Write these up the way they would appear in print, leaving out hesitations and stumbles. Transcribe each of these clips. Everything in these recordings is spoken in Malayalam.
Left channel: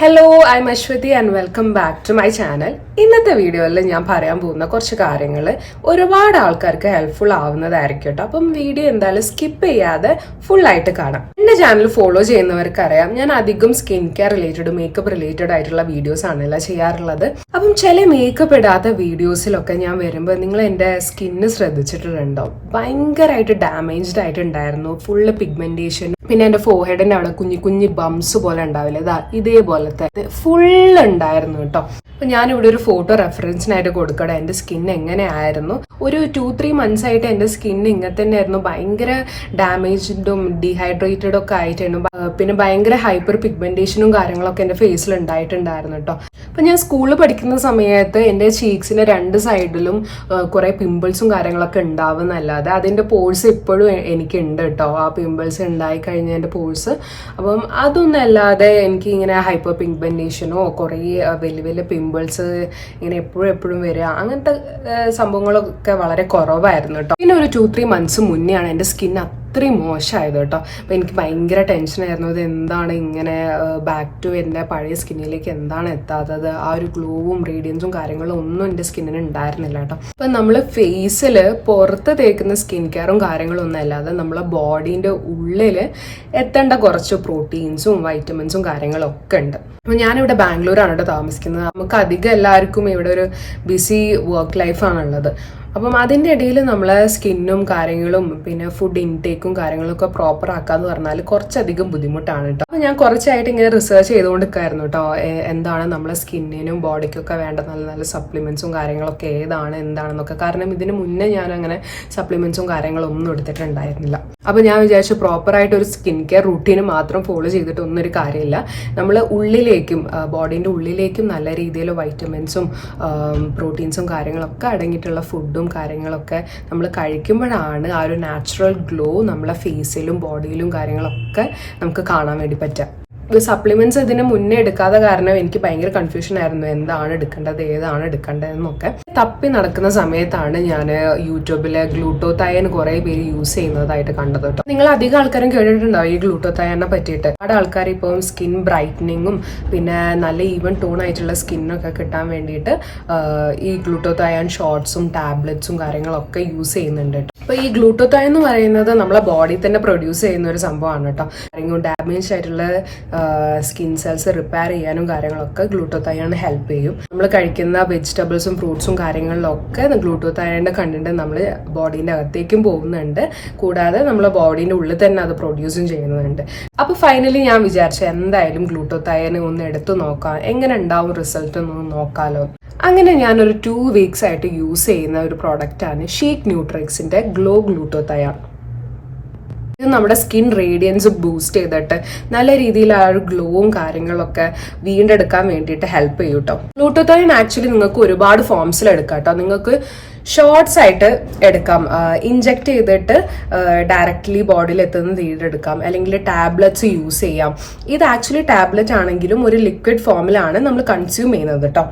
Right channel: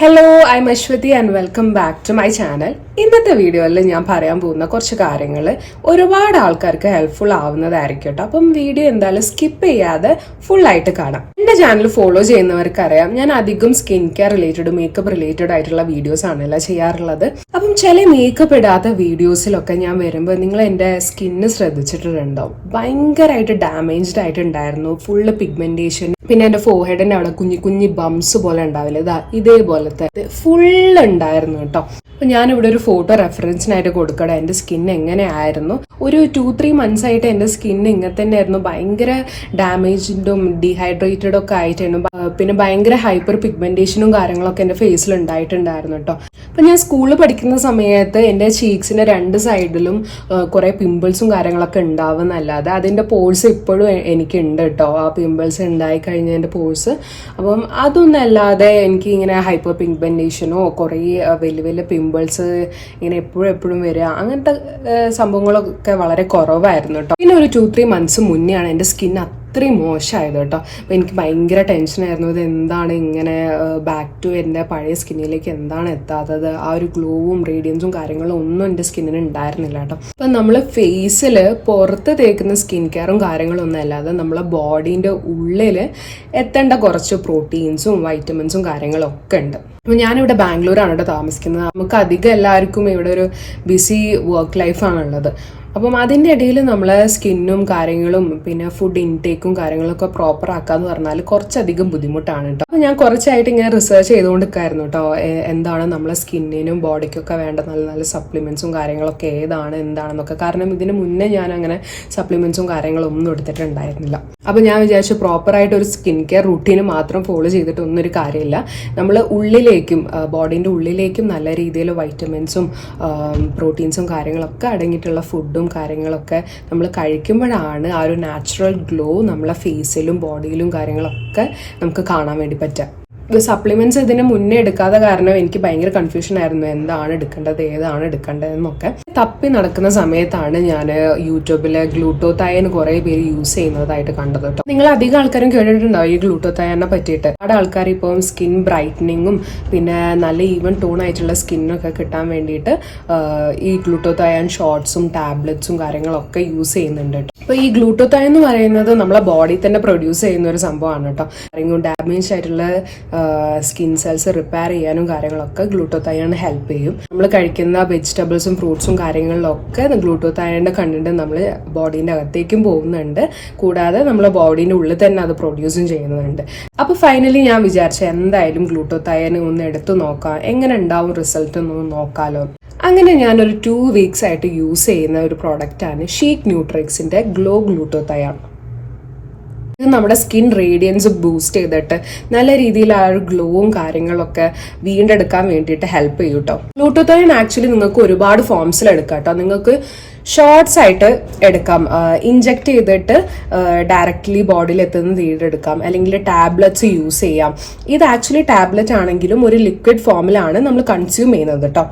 Hello, I am Aswathy and welcome back to my channel. ഇന്നത്തെ വീഡിയോയിൽ ഞാൻ പറയാൻ പോകുന്ന കുറച്ച് കാര്യങ്ങൾ ഒരുപാട് ആൾക്കാർക്ക് ഹെൽപ്ഫുൾ ആവുന്നതായിരിക്കും കേട്ടോ. അപ്പം വീഡിയോ എന്തായാലും സ്കിപ്പ് ചെയ്യാതെ ഫുൾ ആയിട്ട് കാണാം. എന്റെ ചാനൽ ഫോളോ ചെയ്യുന്നവർക്ക് അറിയാം, ഞാൻ അധികം skin care related makeup related ആയിട്ടുള്ള വീഡിയോസ് ആണല്ലോ ചെയ്യാറുള്ളത്. അപ്പം ചില മേക്കപ്പ് ഇടാത്ത വീഡിയോസിലൊക്കെ ഞാൻ വരുമ്പോൾ നിങ്ങൾ എൻ്റെ സ്കിന്ന് ശ്രദ്ധിച്ചിട്ടുണ്ടോ? ഭയങ്കരമായിട്ട് ഡാമേജ്ഡ് ആയിട്ടുണ്ടായിരുന്നു. ഫുള്ള് പിഗ്മെന്റേഷൻ, പിന്നെ എൻ്റെ ഫോർഹെഡിന്റെ അവിടെ കുഞ്ഞു കുഞ്ഞു ബംസ് പോലെ ഉണ്ടാവില്ല, ഇതേപോലത്തെ ഫുൾ ഉണ്ടായിരുന്നു കേട്ടോ. അപ്പൊ ഞാനിവിടെ ഒരു ഫോട്ടോ റെഫറൻസിനായിട്ട് കൊടുക്കട്ടെ. എന്റെ സ്കിൻ എങ്ങനെയായിരുന്നു. ഒരു 2-3 months ആയിട്ട് എന്റെ സ്കിൻ ഇങ്ങനെ തന്നെ ആയിരുന്നു. ഭയങ്കര ഡാമേജ്ഡും ഡീഹൈഡ്രേറ്റഡും ഒക്കെ ആയിട്ടായിരുന്നു. പിന്നെ ഭയങ്കര ഹൈപ്പർ പിഗ്മെന്റേഷനും കാര്യങ്ങളൊക്കെ എന്റെ ഫേസിൽ ഉണ്ടായിട്ടുണ്ടായിരുന്നു കേട്ടോ. അപ്പൊ ഞാൻ സ്കൂളിൽ പഠിക്കുന്ന സമയത്ത് എന്റെ ചീക്സിന്റെ 2 സൈഡിലും കുറെ പിമ്പിൾസും കാര്യങ്ങളൊക്കെ ഉണ്ടാവുന്നല്ലാതെ അതിന്റെ പോഴ്സ് ഇപ്പോഴും എനിക്കുണ്ട് കേട്ടോ. ആ പിമ്പിൾസ് ഉണ്ടായി കഴിഞ്ഞ എന്റെ പോഴ്സ്. അപ്പം അതൊന്നല്ലാതെ എനിക്ക് ഇങ്ങനെ ഹൈപ്പർ പിഗ്മെന്റേഷനോ കുറെ വലിയ വലിയ പിമ്പിൾസ് ഇങ്ങനെ എപ്പോഴും വരിക, അങ്ങനത്തെ സംഭവങ്ങളൊക്കെ വളരെ കുറവായിരുന്നു കേട്ടോ. പിന്നെ ഒരു 2-3 months മുന്നെയാണ് എൻ്റെ സ്കിൻ അത്രയും മോശമായത് കേട്ടോ. അപ്പം എനിക്ക് ഭയങ്കര ടെൻഷനായിരുന്നു, ഇത് എന്താണ് ഇങ്ങനെ ബാക്ക് ടു എൻ്റെ പഴയ സ്കിന്നിലേക്ക് എന്താണ് എത്താത്തത്. ആ ഒരു ഗ്ലോവും റേഡിയൻസും കാര്യങ്ങളും ഒന്നും എൻ്റെ സ്കിന്നിന് ഉണ്ടായിരുന്നില്ല കേട്ടോ. അപ്പം നമ്മൾ ഫേസിൽ പുറത്ത് തേക്കുന്ന സ്കിൻ കെയറും കാര്യങ്ങളും ഒന്നും അല്ലാതെ നമ്മളെ ബോഡീൻ്റെ ഉള്ളിൽ എത്തേണ്ട കുറച്ച് പ്രോട്ടീൻസും വൈറ്റമിൻസും കാര്യങ്ങളും ഒക്കെ ഉണ്ട്. അപ്പോൾ ഞാനിവിടെ ബാംഗ്ലൂരാണ് കേട്ടോ താമസിക്കുന്നത്. നമുക്ക് അധികം എല്ലാവർക്കും ഇവിടെ ഒരു ബിസി വർക്ക് ലൈഫാണുള്ളത്. അപ്പം അതിൻ്റെ ഇടയിൽ നമ്മളെ സ്കിന്നും കാര്യങ്ങളും പിന്നെ ഫുഡ് ഇൻടേക്കും കാര്യങ്ങളൊക്കെ പ്രോപ്പർ ആക്കാന്ന് പറഞ്ഞാൽ കുറച്ചധികം ബുദ്ധിമുട്ടാണ് കേട്ടോ. അപ്പം ഞാൻ കുറച്ചായിട്ട് ഇങ്ങനെ റിസർച്ച് ചെയ്തുകൊണ്ടിരിക്കുകയായിരുന്നു കേട്ടോ, എന്താണ് നമ്മളെ സ്കിന്നിനും ബോഡിക്കൊക്കെ വേണ്ട നല്ല നല്ല സപ്ലിമെന്റ്സും കാര്യങ്ങളൊക്കെ എന്താണെന്നൊക്കെ. കാരണം ഇതിന് മുന്നേ ഞാൻ അങ്ങനെ സപ്ലിമെന്റ്സും കാര്യങ്ങളും ഒന്നും എടുത്തിട്ടുണ്ടായിരുന്നില്ല. അപ്പം ഞാൻ വിചാരിച്ചു പ്രോപ്പറായിട്ട് ഒരു സ്കിൻ കെയർ റൂട്ടീന് മാത്രം ഫോളോ ചെയ്തിട്ട് ഒന്നും ഒരു കാര്യമില്ല. നമ്മൾ ഉള്ളിലേക്കും ബോഡീൻ്റെ ഉള്ളിലേക്കും നല്ല രീതിയിൽ വൈറ്റമിൻസും പ്രോട്ടീൻസും കാര്യങ്ങളൊക്കെ അടങ്ങിയിട്ടുള്ള ഫുഡും കാര്യങ്ങളൊക്കെ നമ്മൾ കഴിക്കുമ്പോഴാണ് ആ ഒരു നാച്ചുറൽ ഗ്ലോ നമ്മളെ ഫേസിലും ബോഡിയിലും കാര്യങ്ങളൊക്കെ നമുക്ക് കാണാൻ വേണ്ടി പറ്റുക. സപ്ലിമെന്റ്സ് ഇതിന് മുന്നേ എടുക്കാതെ കാരണം എനിക്ക് ഭയങ്കര കൺഫ്യൂഷൻ ആയിരുന്നു, എന്താണ് എടുക്കേണ്ടത് ഏതാണ് എടുക്കേണ്ടതെന്നൊക്കെ. തപ്പി നടക്കുന്ന സമയത്താണ് ഞാൻ യൂട്യൂബില് ഗ്ലൂട്ടോതയൻ കുറെ പേര് യൂസ് ചെയ്യുന്നതായിട്ട് കണ്ടത് കേട്ടോ. നിങ്ങൾ അധികം ആൾക്കാരും കേട്ടിട്ടുണ്ടാവും ഈ ഗ്ലൂട്ടോതയനെ പറ്റിയിട്ട്. ഒരുപാട് ആൾക്കാർ ഇപ്പം സ്കിൻ ബ്രൈറ്റനിങ്ങും പിന്നെ നല്ല ഈവൻ ടോൺ ആയിട്ടുള്ള സ്കിന്നൊക്കെ കിട്ടാൻ വേണ്ടിയിട്ട് ഈ ഗ്ലൂട്ടോതയൻ ഷോർട്സും ടാബ്ലറ്റ്സും കാര്യങ്ങളൊക്കെ യൂസ് ചെയ്യുന്നുണ്ട് കേട്ടോ. അപ്പൊ ഈ ഗ്ലൂട്ടോതയൻ എന്ന് പറയുന്നത് നമ്മളെ ബോഡി തന്നെ പ്രൊഡ്യൂസ് ചെയ്യുന്ന ഒരു സംഭവമാണ് കേട്ടോ. ഡാമേജ് ആയിട്ടുള്ള സ്കിൻ സെൽസ് റിപ്പയർ ചെയ്യാനും കാര്യങ്ങളൊക്കെ ഗ്ലൂട്ടോതയൻ ഹെൽപ്പ് ചെയ്യും. നമ്മൾ കഴിക്കുന്ന വെജിറ്റബിൾസും ഫ്രൂട്ട്സും കാര്യങ്ങളിലൊക്കെ ഗ്ലൂട്ടോതയന്റെ കണ്ടന്റ് നമ്മൾ ബോഡീന്റെ അകത്തേക്കും പോകുന്നുണ്ട്. കൂടാതെ നമ്മളെ ബോഡീന്റെ ഉള്ളിൽ തന്നെ അത് പ്രൊഡ്യൂസും ചെയ്യുന്നുണ്ട്. അപ്പൊ ഫൈനലി ഞാൻ വിചാരിച്ചു എന്തായാലും ഗ്ലൂട്ടോതയൻ ഒന്ന് എടുത്തു നോക്കാം, എങ്ങനെ ഉണ്ടാവും റിസൾട്ട് ഒന്ന് നോക്കാലോ. അങ്ങനെ ഞാനൊരു 2 weeks ആയിട്ട് യൂസ് ചെയ്യുന്ന ഒരു പ്രോഡക്റ്റാണ് ഷീക്ക് ന്യൂട്രിക്സിന്റെ ഗ്ലോ ഗ്ലൂട്ടോതയൻ. ഇത് നമ്മുടെ സ്കിൻ റേഡിയൻസ് ബൂസ്റ്റ് ചെയ്തിട്ട് നല്ല രീതിയിൽ ആ ഒരു ഗ്ലോവും കാര്യങ്ങളൊക്കെ വീണ്ടെടുക്കാൻ വേണ്ടിയിട്ട് ഹെൽപ്പ് ചെയ്യും കേട്ടോ. ഗ്ലൂട്ടോതയൻ ആക്ച്വലി നിങ്ങൾക്ക് ഒരുപാട് ഫോംസിൽ എടുക്കാം കേട്ടോ. നിങ്ങൾക്ക് ഷോർട്സ് ആയിട്ട് എടുക്കാം, ഇഞ്ചെക്ട് ചെയ്തിട്ട് ഡയറക്റ്റ്ലി ബോഡിയിൽ എത്തുന്ന തീരെടുക്കാം, അല്ലെങ്കിൽ ടാബ്ലറ്റ്സ് യൂസ് ചെയ്യാം. ഇത് ആക്ച്വലി ടാബ്ലറ്റ് ആണെങ്കിലും ഒരു ലിക്വിഡ് ഫോമിലാണ് നമ്മൾ കൺസ്യൂം ചെയ്യുന്നത് കേട്ടോ.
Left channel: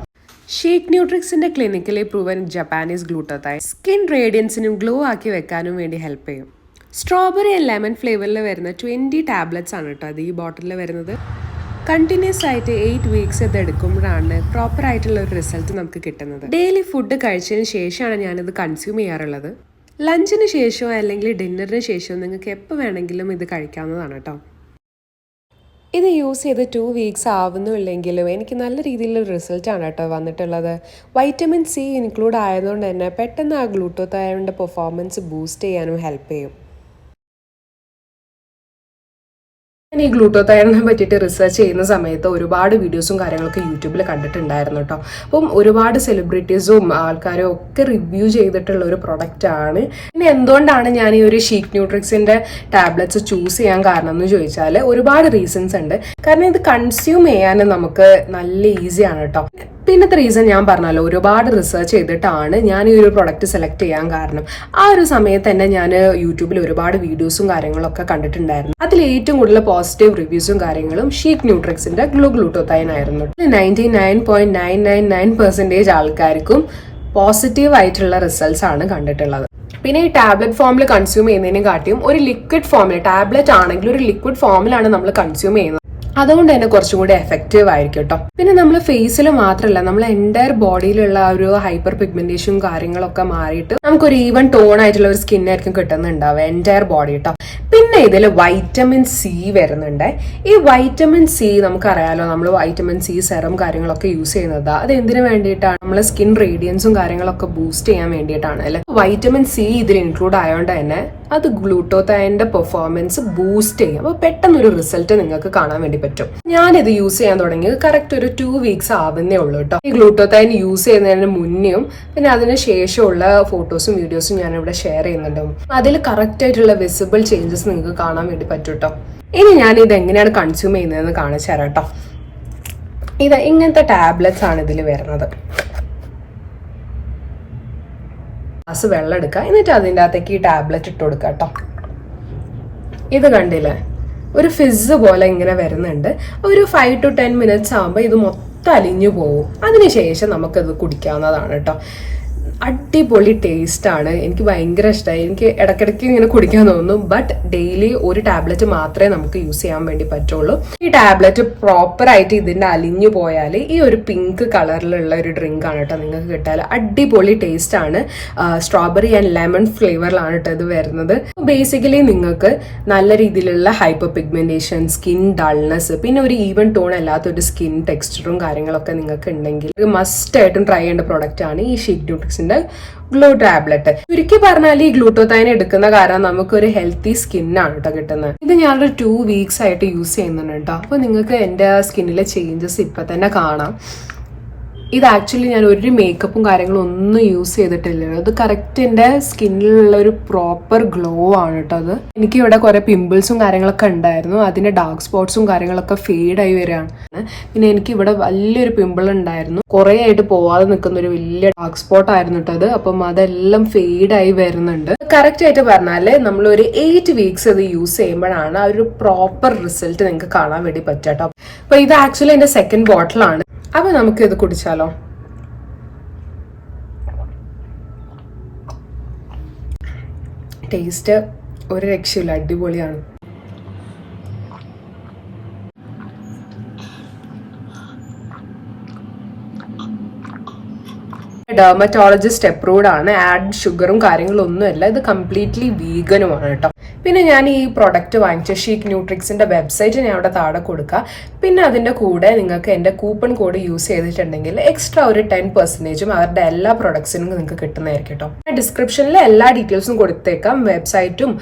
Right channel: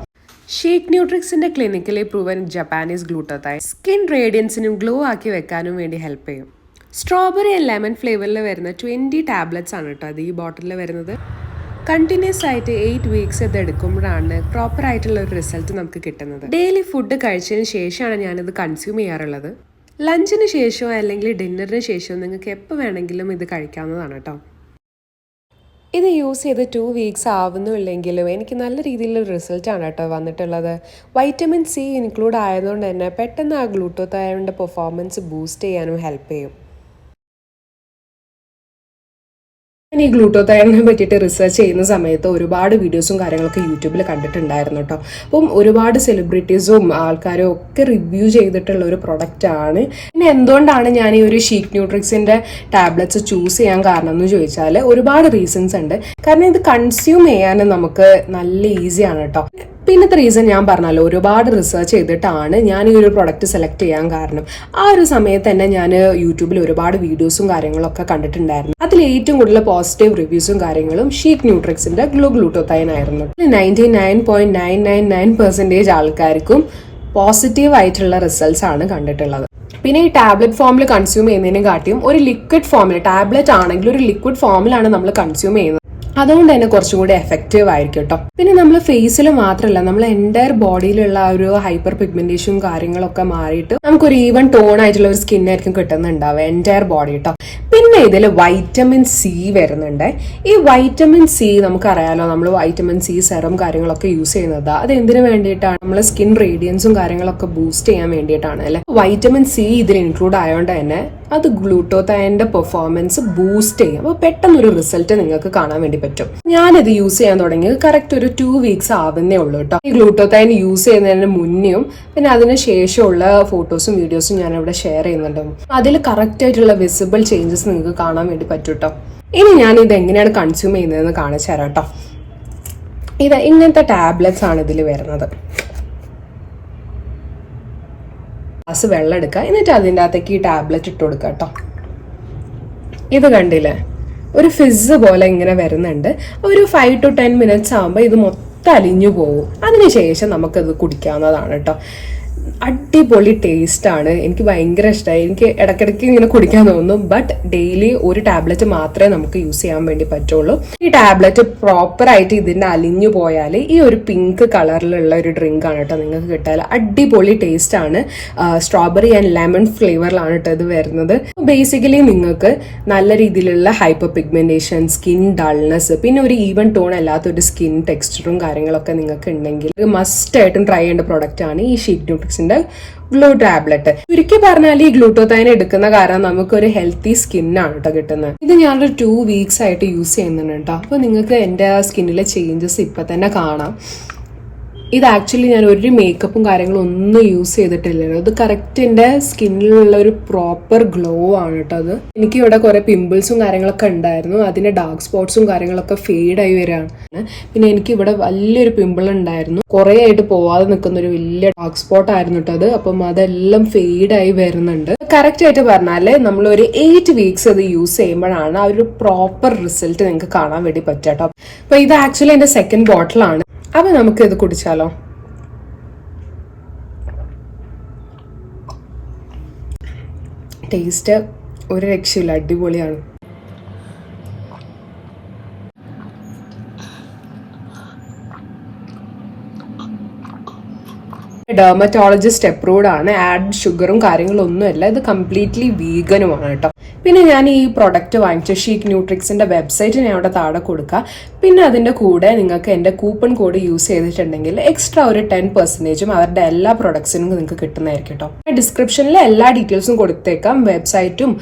ഷീക്ക് ന്യൂട്രിക്സിന്റെ clinically proven Japanese glutathione skin റേഡിയൻസിനും ഗ്ലോ ആക്കി വെക്കാനും വേണ്ടി ഹെൽപ്പ് ചെയ്യും. സ്ട്രോബെറി ആൻഡ് ലെമൺ ഫ്ലേവറിൽ വരുന്ന 20 ടാബ്ലറ്റ്സ് ആണ് കേട്ടോ അത് ഈ ബോട്ടിലിൽ വരുന്നത്. കണ്ടിന്യൂസ് ആയിട്ട് 8 weeks ഇത് എടുക്കുമ്പോഴാണ് പ്രോപ്പർ ആയിട്ടുള്ള ഒരു റിസൾട്ട് നമുക്ക് കിട്ടുന്നത്. ഡെയിലി ഫുഡ് കഴിച്ചതിന് ശേഷമാണ് ഞാനിത് കൺസ്യൂം ചെയ്യാറുള്ളത്. ലഞ്ചിന് ശേഷമോ അല്ലെങ്കിൽ ഡിന്നറിന് ശേഷമോ നിങ്ങൾക്ക് എപ്പോൾ വേണമെങ്കിലും ഇത് കഴിക്കാവുന്നതാണ് കേട്ടോ. ഇത് യൂസ് ചെയ്ത് 2 weeks ആവുന്നുമില്ലെങ്കിലും എനിക്ക് നല്ല രീതിയിലുള്ള റിസൾട്ടാണ് കേട്ടോ വന്നിട്ടുള്ളത്. വൈറ്റമിൻ സി ഇൻക്ലൂഡ് ആയതുകൊണ്ട് തന്നെ പെട്ടെന്ന് ആ ഗ്ലൂട്ടോതയന്റെ പെർഫോമൻസ് ബൂസ്റ്റ് ചെയ്യാനും ഹെൽപ്പ് ചെയ്യും. ഞാൻ ഈ ഗ്ലൂട്ടോതയനെ പറ്റിയിട്ട് റിസർച്ച് ചെയ്യുന്ന സമയത്ത് ഒരുപാട് വീഡിയോസും കാര്യങ്ങളൊക്കെ യൂട്യൂബിൽ കണ്ടിട്ടുണ്ടായിരുന്നു കേട്ടോ. അപ്പം ഒരുപാട് സെലിബ്രിറ്റീസും ആൾക്കാരും ഒക്കെ റിവ്യൂ ചെയ്തിട്ടുള്ള ഒരു പ്രൊഡക്റ്റ് ആണ്. പിന്നെ എന്തുകൊണ്ടാണ് ഞാൻ ഈ ഒരു ഷീക്ക് ന്യൂട്രിക്സിന്റെ ടാബ്ലറ്റ്സ് ചൂസ് ചെയ്യാൻ കാരണം എന്ന് ചോദിച്ചാൽ ഒരുപാട് റീസൺസ് ഉണ്ട്. കാരണം ഇത് കൺസ്യൂം ചെയ്യാൻ നമുക്ക് നല്ല ഈസിയാണ് കേട്ടോ. പിന്നത്തെ റീസൺ ഞാൻ പറഞ്ഞല്ലോ, ഒരുപാട് റിസർച്ച് ചെയ്തിട്ടാണ് ഞാൻ ഈ ഒരു പ്രൊഡക്റ്റ് സെലക്ട് ചെയ്യാൻ കാരണം. ആ ഒരു സമയത്ത് തന്നെ ഞാൻ യൂട്യൂബിൽ ഒരുപാട് വീഡിയോസും കാര്യങ്ങളൊക്കെ കണ്ടിട്ടുണ്ടായിരുന്നു. അതിൽ ഏറ്റവും കൂടുതൽ പോസിറ്റീവ് റിവ്യൂസും കാര്യങ്ങളും ഷീക്ക് ന്യൂട്രിക്സിന്റെ ഗ്ലൂട്ടോതയൻ ആയിരുന്നു. 99.999% ആൾക്കാർക്കും പോസിറ്റീവ് ആയിട്ടുള്ള റിസൾട്ട്സ് ആണ് കണ്ടിട്ടുള്ളത്. പിന്നെ ഈ ടാബ്ലറ്റ് ഫോമിൽ കൺസ്യൂം ചെയ്യുന്നതിനെ കാട്ടിയും ഒരു ലിക്വിഡ് ഫോമിൽ, ടാബ്ലറ്റ് ആണെങ്കിൽ ഒരു ലിക്വിഡ് ഫോമിലാണ് നമ്മൾ കൺസ്യൂം ചെയ്യുന്നത്. അതുകൊണ്ട് തന്നെ കുറച്ചും കൂടി എഫക്റ്റീവ് ആയിരിക്കും കേട്ടോ. പിന്നെ നമ്മൾ ഫേസിൽ മാത്രമല്ല, നമ്മൾ എൻ്റയർ ബോഡിയിലുള്ള ആ ഒരു ഹൈപ്പർ പിഗ്മെന്റേഷനും കാര്യങ്ങളൊക്കെ മാറിയിട്ട് നമുക്കൊരു ഈവൻ ടോൺ ആയിട്ടുള്ള ഒരു സ്കിൻ ആയിരിക്കും കിട്ടുന്നുണ്ടാവുക എൻ്റയർ ബോഡി കേട്ടോ. പിന്നെ ഇതിൽ വൈറ്റമിൻ സി വരുന്നുണ്ട്. ഈ വൈറ്റമിൻ സി നമുക്കറിയാലോ, നമ്മൾ വൈറ്റമിൻ സി സെറം കാര്യങ്ങളൊക്കെ യൂസ് ചെയ്യുന്നത് അത് എന്തിനു വേണ്ടിയിട്ടാണ്? നമ്മളെ സ്കിൻ റേഡിയൻസും കാര്യങ്ങളൊക്കെ ബൂസ്റ്റ് ചെയ്യാൻ വേണ്ടിയിട്ടാണ് അല്ലെ. വൈറ്റമിൻ സി ഇതിൽ ഇൻക്ലൂഡ് ആയതുകൊണ്ട് തന്നെ അത് ഗ്ലൂട്ടോതൈന്റെ പെർഫോമൻസ് ബൂസ്റ്റ് ചെയ്യും. അപ്പോൾ പെട്ടെന്നൊരു റിസൾട്ട് നിങ്ങൾക്ക് കാണാൻ വേണ്ടി പറ്റും. ഞാനിത് യൂസ് ചെയ്യാൻ തുടങ്ങിയത് കറക്റ്റ് ഒരു 2 വീക്സ് ആവുന്നേ ഉള്ളൂ കേട്ടോ. ഈ ഗ്ലൂട്ടോതൈൻ യൂസ് ചെയ്യുന്നതിന് മുന്നേയും പിന്നെ അതിന് ശേഷമുള്ള ഫോട്ടോസും വീഡിയോസും ഞാൻ ഇവിടെ ഷെയർ ചെയ്യുന്നുണ്ട്. അതിൽ കറക്റ്റ് ആയിട്ടുള്ള വിസിബിൾ ചേഞ്ചസ് നിങ്ങൾക്ക് കാണാൻ വേണ്ടി പറ്റും കേട്ടോ. ഇനി ഞാൻ ഇത് എങ്ങനെയാണ് കൺസ്യൂം ചെയ്യുന്നതെന്ന് കാണിച്ചു തരാം കേട്ടോ. ഇത് ഇങ്ങനത്തെ ടാബ്ലറ്റ്സ് ആണ് ഇതിൽ വരുന്നത്. ഗ്ലാസ് വെള്ളം എടുക്കുക, എന്നിട്ട് അതിൻ്റെ അകത്തേക്ക് ഈ ടാബ്ലറ്റ് ഇട്ട് കൊടുക്കുക കേട്ടോ. ഇത് കണ്ടില്ലേ, ഒരു ഫിസ് പോലെ ഇങ്ങനെ വരുന്നുണ്ട്. ഒരു 5 to 10 minutes ആകുമ്പോൾ ഇത് മൊത്തം അലിഞ്ഞു പോകും. അതിനുശേഷം നമുക്കത് കുടിക്കാവുന്നതാണ് കേട്ടോ. അടിപൊളി ടേസ്റ്റ് ആണ്. എനിക്ക് ഭയങ്കര ഇഷ്ടമായി. എനിക്ക് ഇടയ്ക്കിടയ്ക്ക് ഇങ്ങനെ കുടിക്കാൻ തോന്നുന്നു. ബട്ട് ഡെയിലി ഒരു ടാബ്ലറ്റ് മാത്രമേ നമുക്ക് യൂസ് ചെയ്യാൻ വേണ്ടി പറ്റുള്ളൂ. ഈ ടാബ്ലറ്റ് പ്രോപ്പർ ആയിട്ട് ഇതിന്റെ അലിഞ്ഞു പോയാൽ ഈ ഒരു പിങ്ക് കളറിലുള്ള ഒരു ഡ്രിങ്ക് ആണ് കേട്ടോ നിങ്ങൾക്ക് കിട്ടാൽ. അടിപൊളി ടേസ്റ്റ് ആണ്. സ്ട്രോബെറി ആൻഡ് ലെമൺ ഫ്ലേവറിലാണ് കേട്ടോ ഇത് വരുന്നത്. ബേസിക്കലി നിങ്ങൾക്ക് നല്ല രീതിയിലുള്ള ഹൈപ്പർ പിഗ്മെന്റേഷൻ, സ്കിൻ ഡൾനെസ്, പിന്നെ ഒരു ഈവൻ ടോൺ അല്ലാത്ത ഒരു സ്കിൻ ടെക്സ്ചറും കാര്യങ്ങളൊക്കെ നിങ്ങൾക്ക് ഉണ്ടെങ്കിൽ മസ്റ്റ് ആയിട്ടും ട്രൈ ചെയ്യേണ്ട പ്രോഡക്റ്റ് ആണ് ഈ ഷീറ്റ് ന്യൂട്രിക്സിന്റെ ഗ്ലൂ ടാബ്ലറ്റ്. ചുരുക്കി പറഞ്ഞാൽ ഈ ഗ്ലൂട്ടോതൈൻ എടുക്കുന്ന കാരണം നമുക്കൊരു ഹെൽത്തി സ്കിന്നാണ് കേട്ടോ കിട്ടുന്നത്. ഇത് ഞാനൊരു 2 വീക്സ് ആയിട്ട് യൂസ് ചെയ്യുന്നുണ്ട് കേട്ടോ. അപ്പൊ നിങ്ങൾക്ക് എന്റെ സ്കിന്നിലെ ചേഞ്ചസ് ഇപ്പൊ തന്നെ കാണാം. ഇത് ആക്ച്വലി ഞാൻ ഒരു മേക്കപ്പും കാര്യങ്ങളും ഒന്നും യൂസ് ചെയ്തിട്ടില്ല. ഇത് കറക്റ്റ് എൻ്റെ സ്കിന്നിലുള്ള ഒരു പ്രോപ്പർ ഗ്ലോ ആണ് കേട്ടോ. അത് എനിക്ക് ഇവിടെ കുറെ പിമ്പിൾസും കാര്യങ്ങളൊക്കെ ഉണ്ടായിരുന്നു. അതിന്റെ ഡാർക്ക് സ്പോട്ട്സും കാര്യങ്ങളൊക്കെ ഫെയ്ഡ് ആയി വരികയാണ്. പിന്നെ എനിക്ക് ഇവിടെ വലിയൊരു പിമ്പിൾ ഉണ്ടായിരുന്നു, കുറെ ആയിട്ട് പോവാതെ നിൽക്കുന്ന ഒരു വലിയ ഡാർക്ക് സ്പോട്ട് ആയിരുന്നു കേട്ടോ അത്. അപ്പം അതെല്ലാം ഫെയ്ഡ് ആയി വരുന്നുണ്ട്. കറക്റ്റ് ആയിട്ട് പറഞ്ഞാല് നമ്മൾ ഒരു 8 വീക്സ് അത് യൂസ് ചെയ്യുമ്പോഴാണ് ആ ഒരു പ്രോപ്പർ റിസൾട്ട് നിങ്ങൾക്ക് കാണാൻ വേണ്ടി പറ്റുക കേട്ടോ. അപ്പൊ ഇത് ആക്ച്വലി എന്റെ സെക്കൻഡ് ബോട്ടിലാണ്. അപ്പൊ നമുക്ക് ഇത് കുടിച്ചാലോ. ടേസ്റ്റ് ഒരു രക്ഷയില്ല, അടിപൊളിയാണ്. ഡെർമറ്റോളജിസ്റ്റ് അപ്രൂവ്ഡ് ആണ്. ആഡ് ഷുഗറും കാര്യങ്ങളും ഒന്നുമില്ല. ഇത് കംപ്ലീറ്റ്ലി വീഗനുമാണ് കേട്ടോ. പിന്നെ ഞാൻ ഈ പ്രൊഡക്റ്റ് വാങ്ങിച്ച ഷീക്ക് ന്യൂട്രിക്സിന്റെ വെബ്സൈറ്റ് ഞാൻ അവിടെ താഴെ കൊടുക്കുക. പിന്നെ അതിന്റെ കൂടെ നിങ്ങൾക്ക് എന്റെ കൂപ്പൺ കോഡ് യൂസ് ചെയ്തിട്ടുണ്ടെങ്കിൽ എക്സ്ട്രാ ഒരു 10% അവരുടെ എല്ലാ പ്രൊഡക്ട്സിനും നിങ്ങൾക്ക് കിട്ടുന്നതായിരിക്കും കേട്ടോ. ഡിസ്ക്രിപ്ഷനിൽ എല്ലാ ഡീറ്റെയിൽസും കൊടുത്തേക്കാം. വെബ്സൈറ്റും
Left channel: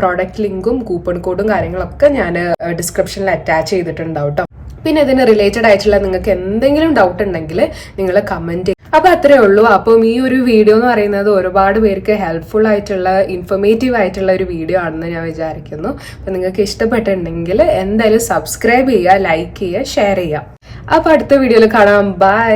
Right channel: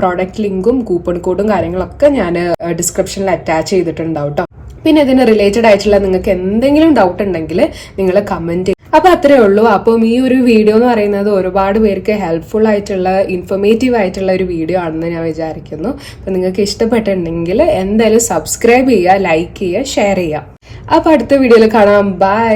പ്രോഡക്റ്റ് ലിങ്കും കൂപ്പൺ കോഡും കാര്യങ്ങളൊക്കെ ഞാൻ ഡിസ്ക്രിപ്ഷനിൽ അറ്റാച്ച് ചെയ്തിട്ടുണ്ടാവും കേട്ടോ. പിന്നെ ഇതിന് റിലേറ്റഡ് ആയിട്ടുള്ള നിങ്ങൾക്ക് എന്തെങ്കിലും ഡൗട്ട് ഉണ്ടെങ്കിൽ നിങ്ങൾ കമന്റ് ചെയ്യും. അപ്പൊ അത്രേ ഉള്ളൂ. അപ്പം ഈ ഒരു വീഡിയോ എന്ന് പറയുന്നത് ഒരുപാട് പേർക്ക് ഹെൽപ്ഫുൾ ആയിട്ടുള്ള, ഇൻഫോർമേറ്റീവ് ആയിട്ടുള്ള ഒരു വീഡിയോ ആണെന്ന് ഞാൻ വിചാരിക്കുന്നു. അപ്പൊ നിങ്ങൾക്ക് ഇഷ്ടപ്പെട്ടിട്ടുണ്ടെങ്കിൽ എന്തായാലും സബ്സ്ക്രൈബ് ചെയ്യുക, ലൈക്ക് ചെയ്യുക, ഷെയർ ചെയ്യുക. അപ്പൊ അടുത്ത വീഡിയോയിൽ കാണാം. ബൈ.